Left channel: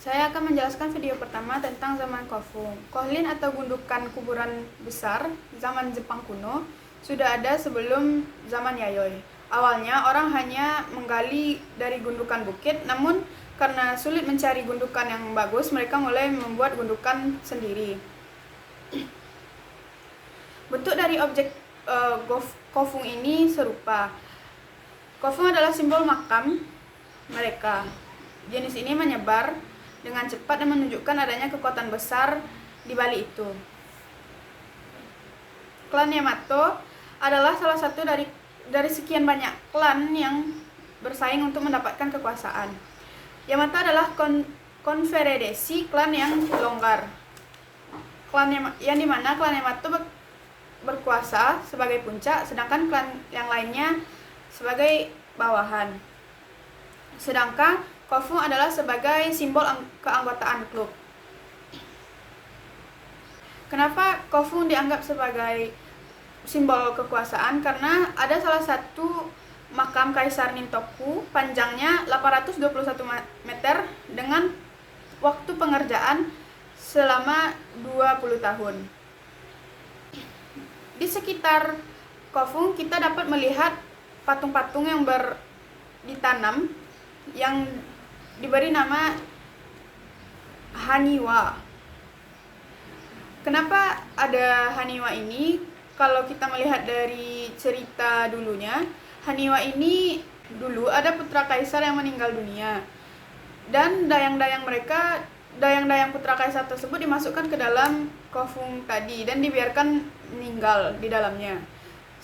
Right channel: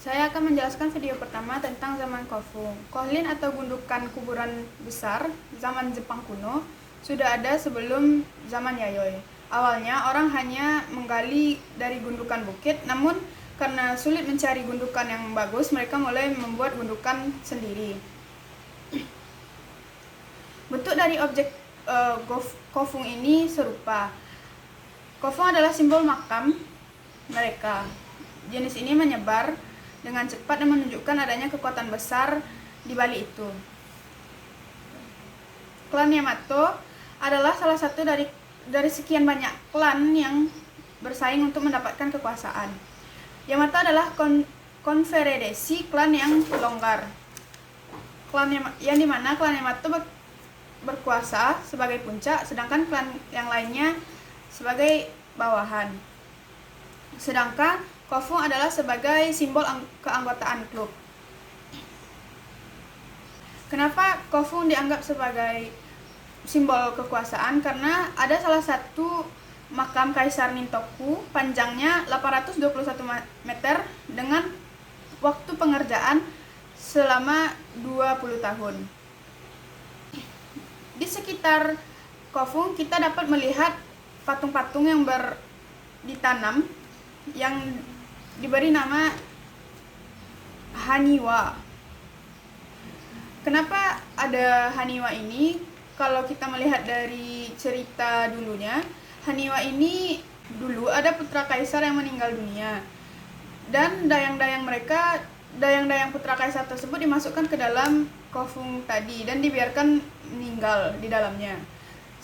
Saya akan menjelaskan video pertama tentang zaman Kofun. Kohlin atau gundukan kuburan besar zaman Jepang kuno sudah ada sebelum zaman Yayoi. Awalnya orang hanya menggali dari gundukan bukit, namun karena sulit mencari gundukan yang bagus, mereka mulai membuat gundukan sendiri. Bentuk dari objek Kofun ini serupa. Kofun adalah simbol makam mereka. Jenis ini menyebar dengan cepat dan menunjukkan adanya kekuatan besar di balik itu. Klan Yamato adalah salah satu dari sekian banyak klan yang bersaing untuk mendapatkan kekuasaan. Yamato adalah konfederasi klan yang longgar. Yang dimana klan Yamato berkuasa sebagai puncak, sedangkan klan yang lainnya sebagai bawahan. Sedangkan Kofun adalah sebagai simbol keanggotaan klub. Kenapa Kofun dianggap sebagai simbol kekuasaan? Karena ada salah satu makam Kaisar Nintoku panjangnya 821 meter dengan waktu pengerjaan selama 20 tahun. Di sekitar Kofun kita dapat melihat patung-patung yang ditanam yang diberi nama Haniwa. Kenapa ada Haniwa ini? Kalau kita melihat dari cerita dulunya, Haniwa ini dulu ada putra kaisar yang meninggal dunia. Dan dayang-dayang putra kaisar tersebut dimasukkan ke dalam Kofun tadi dan dibiarkan meninggal di dalamnya.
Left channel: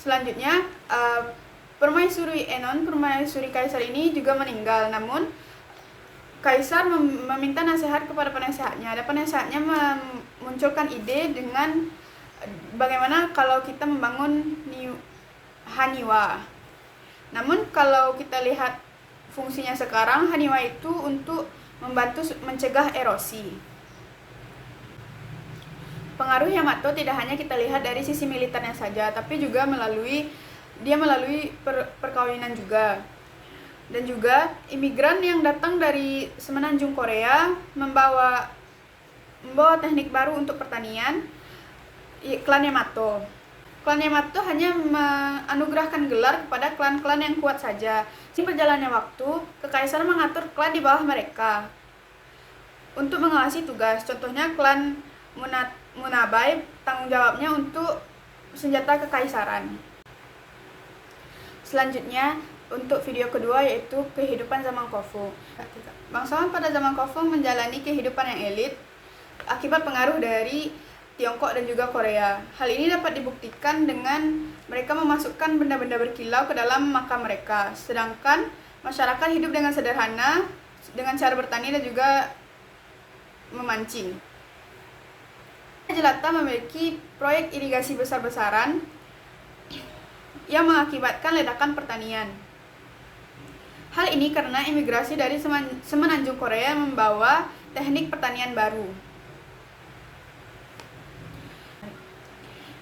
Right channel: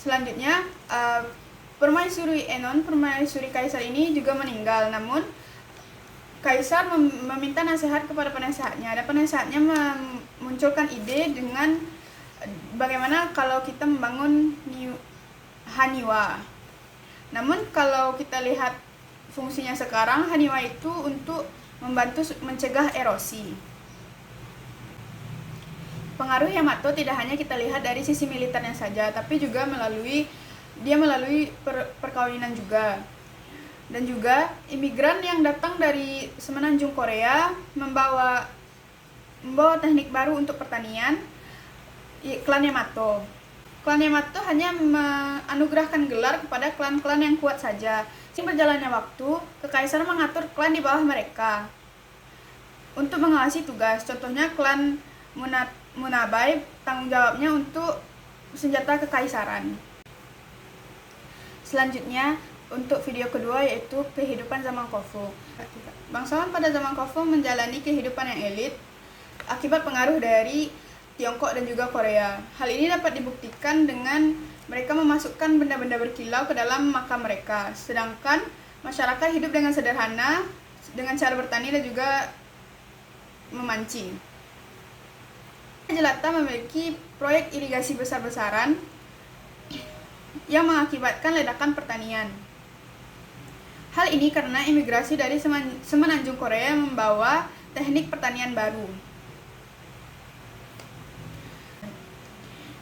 Selanjutnya, Permaisuri Enon, permaisuri kaisar ini juga meninggal. Namun kaisar meminta nasihat kepada penasehatnya. Dan penasehatnya memunculkan ide dengan bagaimana kalau kita membangun Haniwa. Namun kalau kita lihat fungsinya sekarang, Haniwa itu untuk membantu mencegah erosi. Pengaruh Yamato tidak hanya kita lihat dari sisi militernya saja, tapi juga melalui perkawinan juga. Dan juga imigran yang datang dari semenanjung Korea membawa teknik baru untuk pertanian, klan Yamato. Klan Yamato hanya menganugerahkan gelar kepada klan-klan yang kuat saja. Seiring berjalannya waktu, kekaisaran mengatur klan di bawah mereka untuk mengawasi tugas. Contohnya klan Munabai tanggung jawabnya untuk senjata kekaisaran. Selanjutnya, untuk video kedua yaitu kehidupan zaman Kofun. Bangsawan pada zaman Kofun menjalani kehidupan yang elit akibat pengaruh dari Tiongkok dan juga Korea. Hal ini dapat dibuktikan dengan mereka memasukkan benda-benda berkilau ke dalam makam mereka. Sedangkan masyarakat hidup dengan sederhana dengan cara bertani dan juga memancing. Jelata memiliki proyek irigasi besar-besaran yang mengakibatkan ledakan pertanian. Hal ini karena imigrasi dari semenanjung Korea membawa teknik pertanian baru.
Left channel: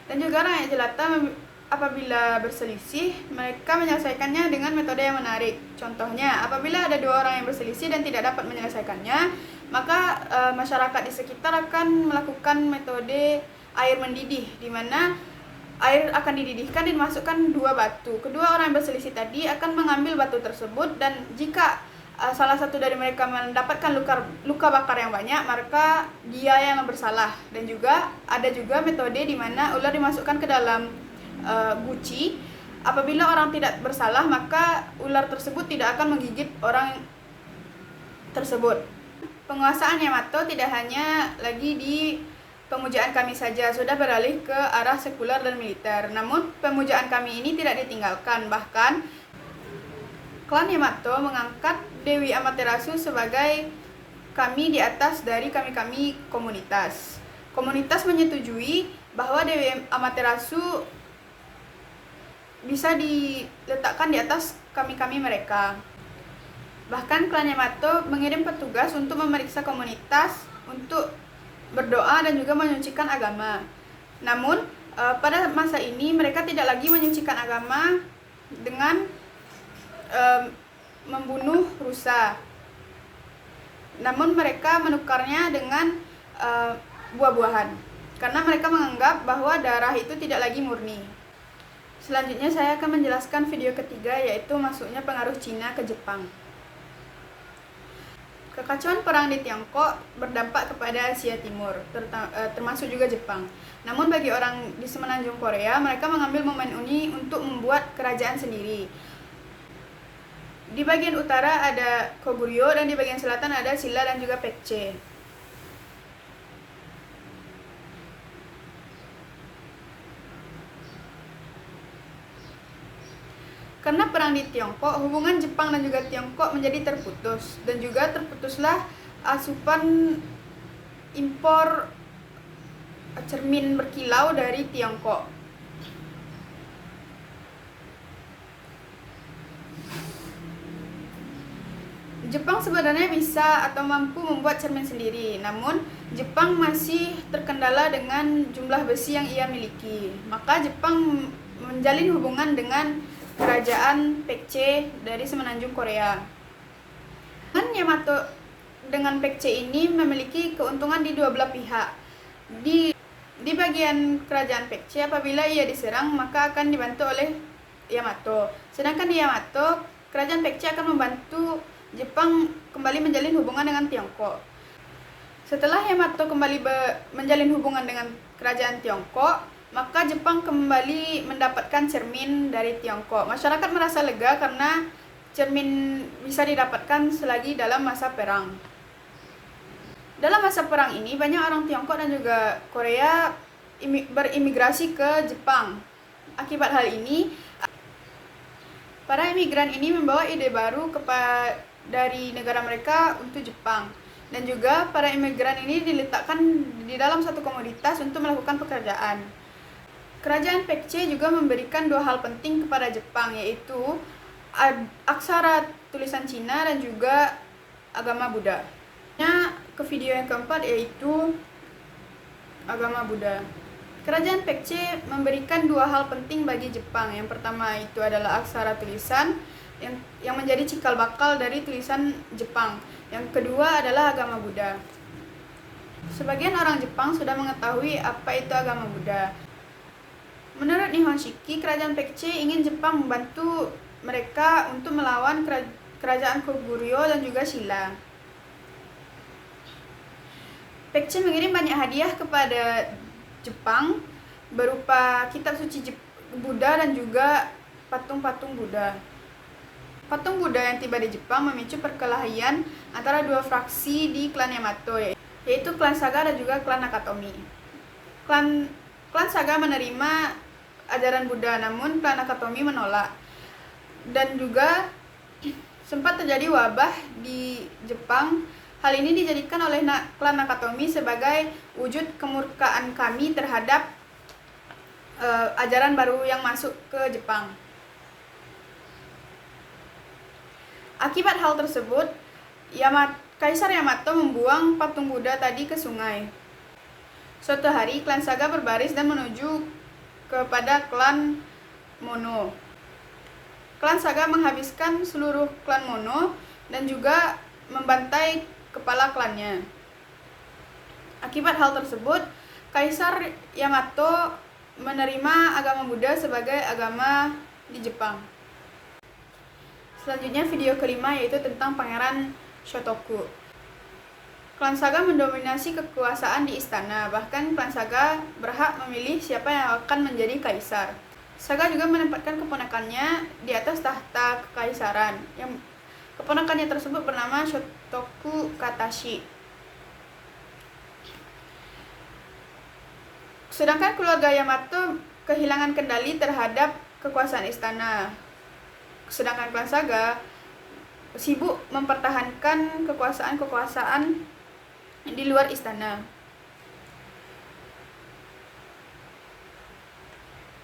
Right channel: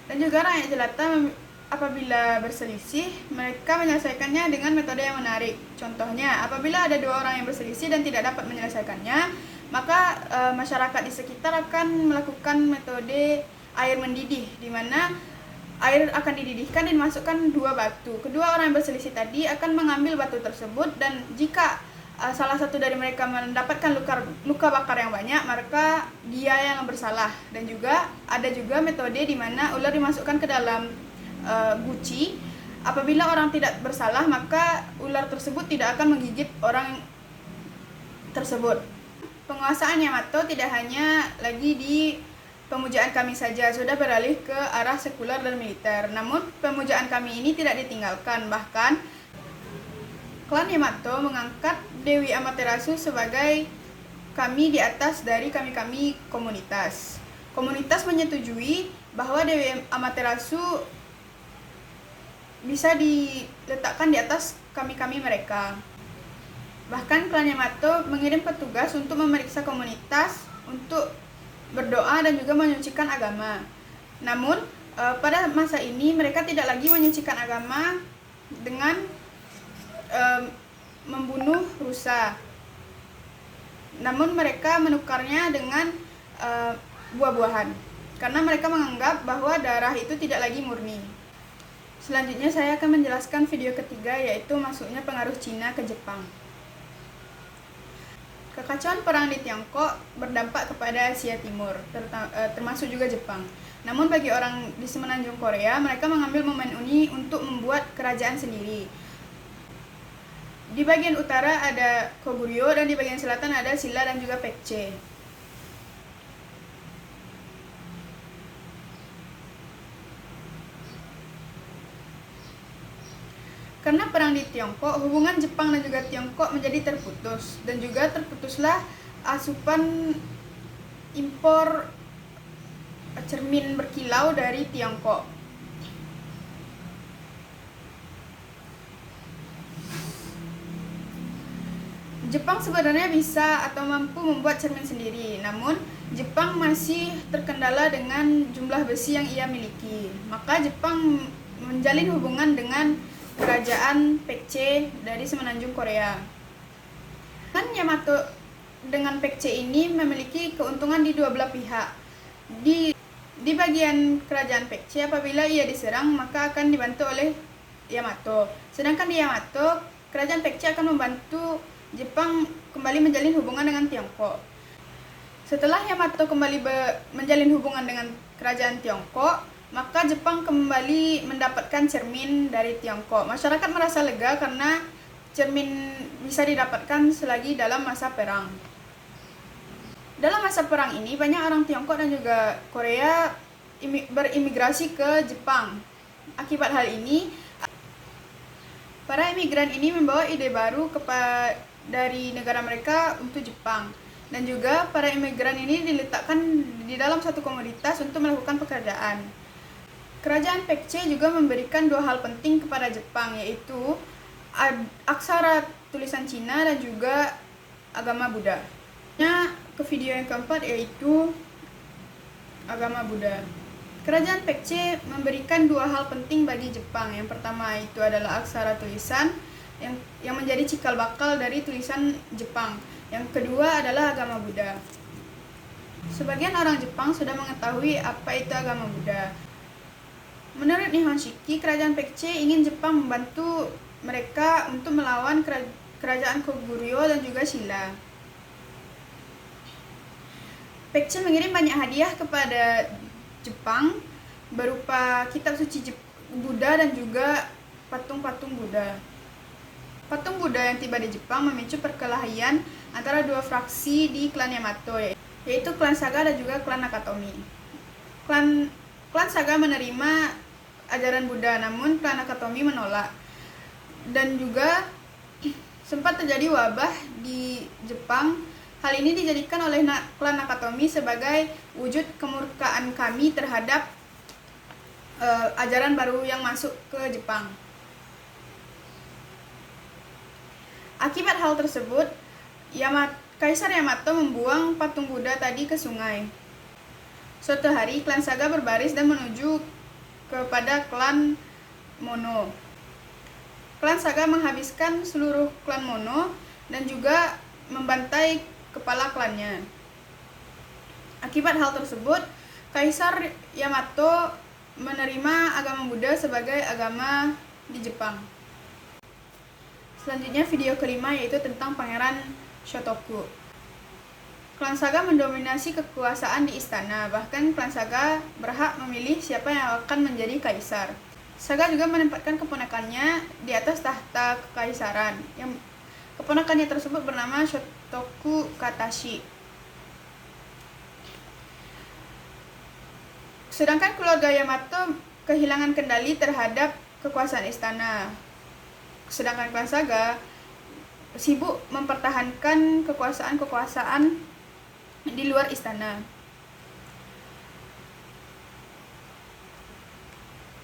Dan juga rakyat jelata apabila berselisih, mereka menyelesaikannya dengan metode yang menarik. Contohnya, apabila ada dua orang yang berselisih dan tidak dapat menyelesaikannya, maka masyarakat di sekitar akan melakukan metode air mendidih, di mana air akan dididihkan dan dimasukkan dua batu. Kedua orang yang berselisih tadi akan mengambil batu tersebut, dan jika salah satu dari mereka mendapatkan luka bakar yang banyak, maka dia yang bersalah. Dan juga ada juga metode di mana ular dimasukkan ke dalam guci. Apabila orang tidak bersalah, maka ular tersebut tidak akan menggigit orang tersebut. Penguasaan Yamato tidak hanya lagi di pemujaan kami saja, sudah beralih ke arah sekuler dan militer. Namun pemujaan kami ini tidak ditinggalkan. Bahkan klan Yamato mengangkat Dewi Amaterasu sebagai kami di atas dari kami-kami komunitas. Komunitas menyetujui bahwa Dewi Amaterasu bisa diletakkan di atas kami-kami mereka. Bahkan klan Yamato mengirim petugas untuk memeriksa komunitas untuk berdoa dan juga menyucikan agama. Namun pada masa ini mereka tidak lagi menyucikan agama dengan membunuh rusa. namun mereka menukarnya dengan buah-buahan karena mereka menganggap bahwa darah itu tidak lagi murni. Selanjutnya saya akan menjelaskan video ketiga, yaitu masuknya pengaruh Cina ke Jepang. Kekacauan perang di Tiongkok berdampak kepada Asia Timur, termasuk juga Jepang. Namun bagi orang di semenanjung Korea, mereka mengambil momen ini untuk membuat kerajaan sendiri. Di bagian utara ada Koguryo dan di bagian selatan ada Silla dan juga Pekche. Karena perang di Tiongkok, hubungan Jepang dan juga Tiongkok menjadi terputus, dan juga terputuslah asupan impor cermin berkilau dari Tiongkok. Jepang sebenarnya bisa atau mampu membuat cermin sendiri, namun Jepang masih terkendala dengan jumlah besi yang ia miliki. Maka Jepang menjalin hubungan dengan kerajaan Pekche dari semenanjung Korea. Dan Yamato dengan Pekche ini memiliki keuntungan di dua belah pihak. Di bagian kerajaan Pekche, apabila ia diserang maka akan dibantu oleh Yamato. Sedangkan di Yamato, kerajaan Pekche akan membantu Jepang kembali menjalin hubungan dengan Tiongkok. Setelah Yamato kembali menjalin hubungan dengan kerajaan Tiongkok, maka Jepang kembali mendapatkan cermin dari Tiongkok. Masyarakat merasa lega karena cermin bisa didapatkan selagi dalam masa perang. Dalam masa perang ini, banyak orang Tiongkok dan juga Korea berimigrasi ke Jepang. Akibat hal ini, para imigran ini membawa ide baru dari negara mereka untuk Jepang. Dan juga para imigran ini diletakkan di dalam satu komoditas untuk melakukan pekerjaan. Kerajaan Pekche juga memberikan dua hal penting kepada Jepang, yaitu aksara tulisan Cina dan juga agama Buddha. Nah, ke video yang keempat, yaitu agama Buddha. Kerajaan Pekche memberikan dua hal penting bagi Jepang. Yang pertama itu adalah aksara tulisan yang menjadi cikal bakal dari tulisan Jepang. Yang kedua adalah agama Buddha. Sebagian orang Jepang sudah mengetahui apa itu agama Buddha. Menurut Nihon Shiki, kerajaan Pekche ingin Jepang membantu mereka untuk melawan kerajaan Koguryo dan juga Silla. Pekche mengirim banyak hadiah kepada Jepang berupa kitab suci Buddha dan juga patung-patung Buddha. Patung Buddha yang tiba di Jepang memicu perkelahian antara dua fraksi di klan Yamato, yaitu klan Saga dan juga klan Nakatomi. Klan Saga menerima ajaran Buddha, namun klan Nakatomi menolak. Dan juga sempat terjadi wabah di Jepang. Hal ini dijadikan oleh klan Nakatomi sebagai wujud kemurkaan kami terhadap ajaran baru yang masuk ke Jepang. Akibat hal tersebut, Kaisar Yamato membuang patung Buddha tadi ke sungai. Suatu hari, klan Saga berbaris dan menuju kepada klan Mono. Klan Saga menghabiskan seluruh klan Mono dan juga membantai kepala klannya. Akibat hal tersebut, Kaisar Yamato menerima agama Buddha sebagai agama di Jepang. Selanjutnya video kelima, yaitu tentang Pangeran Shotoku. Klan Saga mendominasi kekuasaan di istana, bahkan klan Saga berhak memilih siapa yang akan menjadi kaisar. Saga juga menempatkan keponakannya di atas tahta kekaisaran. Yang keponakannya tersebut bernama Shotoku Katashi. Sedangkan keluarga Yamato kehilangan kendali terhadap kekuasaan istana. Sedangkan klan Saga sibuk mempertahankan kekuasaan di luar istana.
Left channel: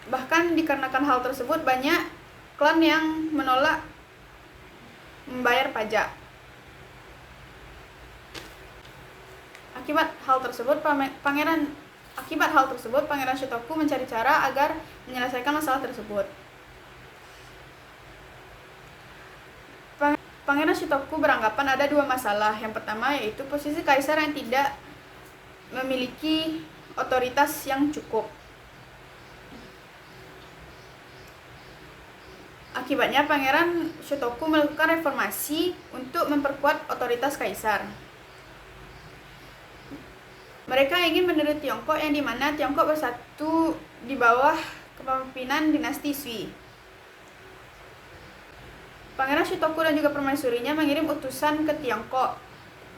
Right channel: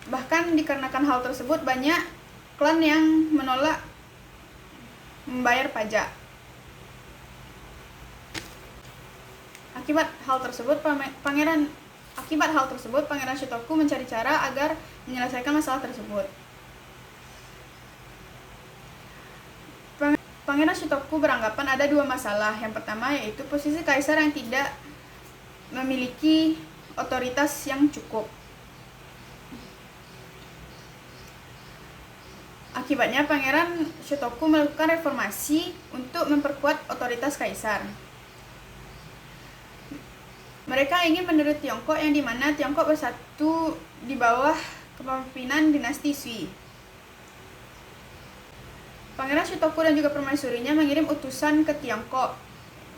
Bahkan dikarenakan hal tersebut, banyak klan yang menolak membayar pajak. Akibat hal tersebut, Pangeran Shotoku mencari cara agar menyelesaikan masalah tersebut. Pangeran Shotoku beranggapan ada dua masalah. Yang pertama yaitu posisi kaisar yang tidak memiliki otoritas yang cukup. Akibatnya Pangeran Shotoku melakukan reformasi untuk memperkuat otoritas kaisar. Mereka ingin meniru Tiongkok yang dimana Tiongkok bersatu di bawah kepemimpinan dinasti Sui. Pangeran Shotoku dan juga permaisurinya mengirim utusan ke Tiongkok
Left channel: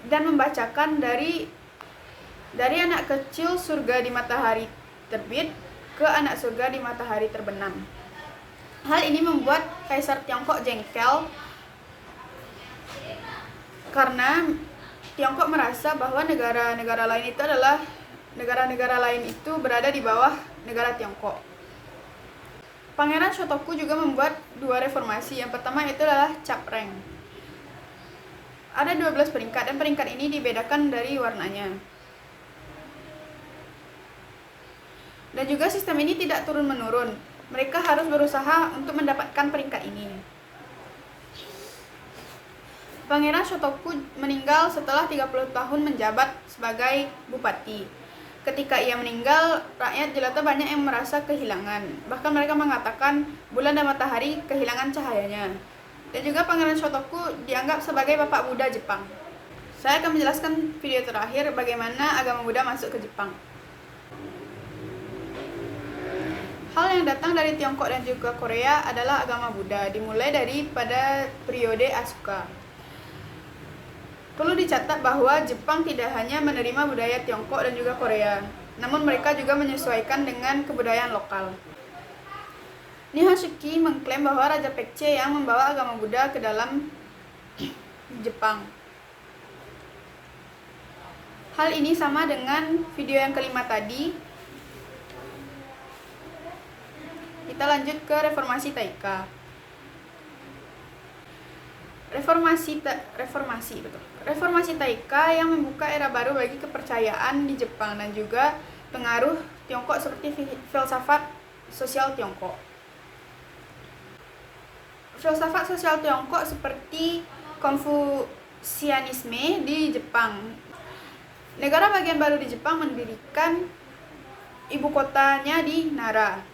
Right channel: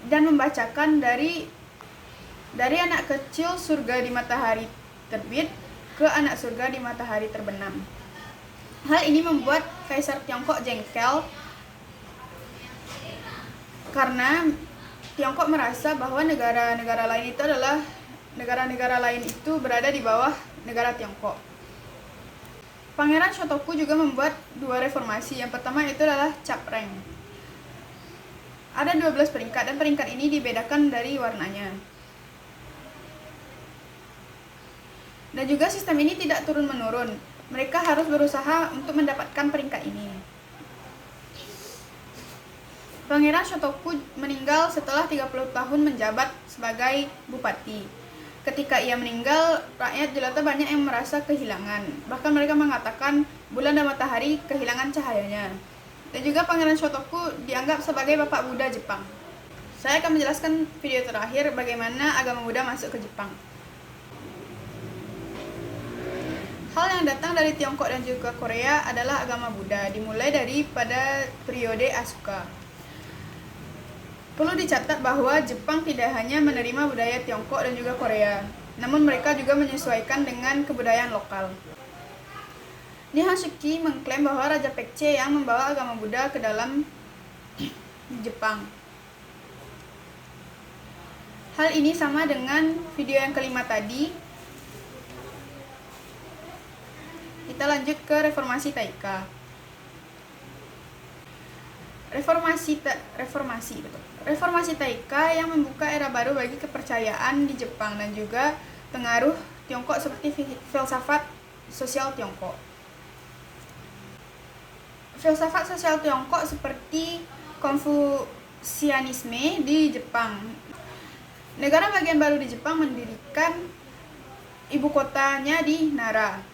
dan membacakan dari anak kecil surga di matahari terbit ke anak surga di matahari terbenam. Hal ini membuat Kaisar Tiongkok jengkel karena Tiongkok merasa bahwa negara-negara lain itu berada di bawah negara Tiongkok. Pangeran Shotoku juga membuat dua reformasi. Yang pertama itu adalah cap rank. Ada 12 peringkat dan peringkat ini dibedakan dari warnanya. Dan juga sistem ini tidak turun-menurun. Mereka harus berusaha untuk mendapatkan peringkat ini. Pangeran Shotoku meninggal setelah 30 tahun menjabat sebagai bupati. Ketika ia meninggal, rakyat jelata banyak yang merasa kehilangan. Bahkan mereka mengatakan bulan dan matahari kehilangan cahayanya. Dan juga Pangeran Shotoku dianggap sebagai Bapak Buddha Jepang. Saya akan menjelaskan video terakhir bagaimana agama Buddha masuk ke Jepang. Hal yang datang dari Tiongkok dan juga Korea adalah agama Buddha, dimulai pada periode Asuka. Perlu dicatat bahwa Jepang tidak hanya menerima budaya Tiongkok dan juga Korea, namun mereka juga menyesuaikan dengan kebudayaan lokal. Nihon Shiki mengklaim bahwa Raja Pekce yang membawa agama Buddha ke dalam Jepang. Hal ini sama dengan video yang kelima tadi. Kita lanjut ke reformasi Taika. Reformasi Taika yang membuka era baru bagi kepercayaan di Jepang dan juga pengaruh Tiongkok seperti filsafat sosial Tiongkok. Filsafat sosial Tiongkok seperti Konfusianisme di Jepang. Negara bagian baru di Jepang mendirikan ibu kotanya di Nara.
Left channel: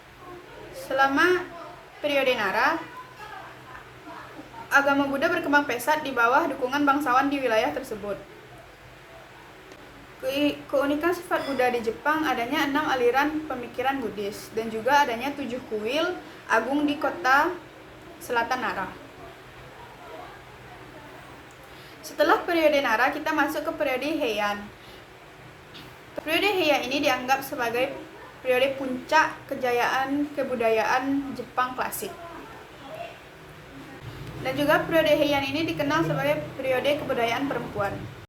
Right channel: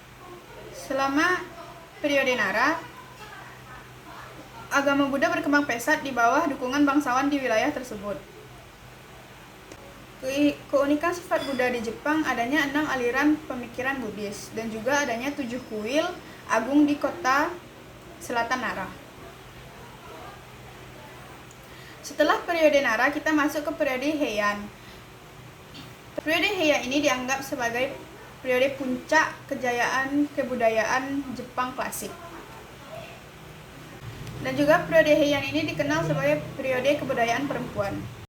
Selama periode Nara, agama Buddha berkembang pesat di bawah dukungan bangsawan di wilayah tersebut. Keunikan sifat Buddha di Jepang adanya 6 aliran pemikiran Buddhis dan juga adanya 7 kuil agung di kota selatan Nara. Setelah periode Nara, kita masuk ke periode Heian. Periode Heian ini dianggap sebagai periode puncak kejayaan kebudayaan Jepang klasik. Dan juga periode Heian ini dikenal sebagai periode kebudayaan perempuan.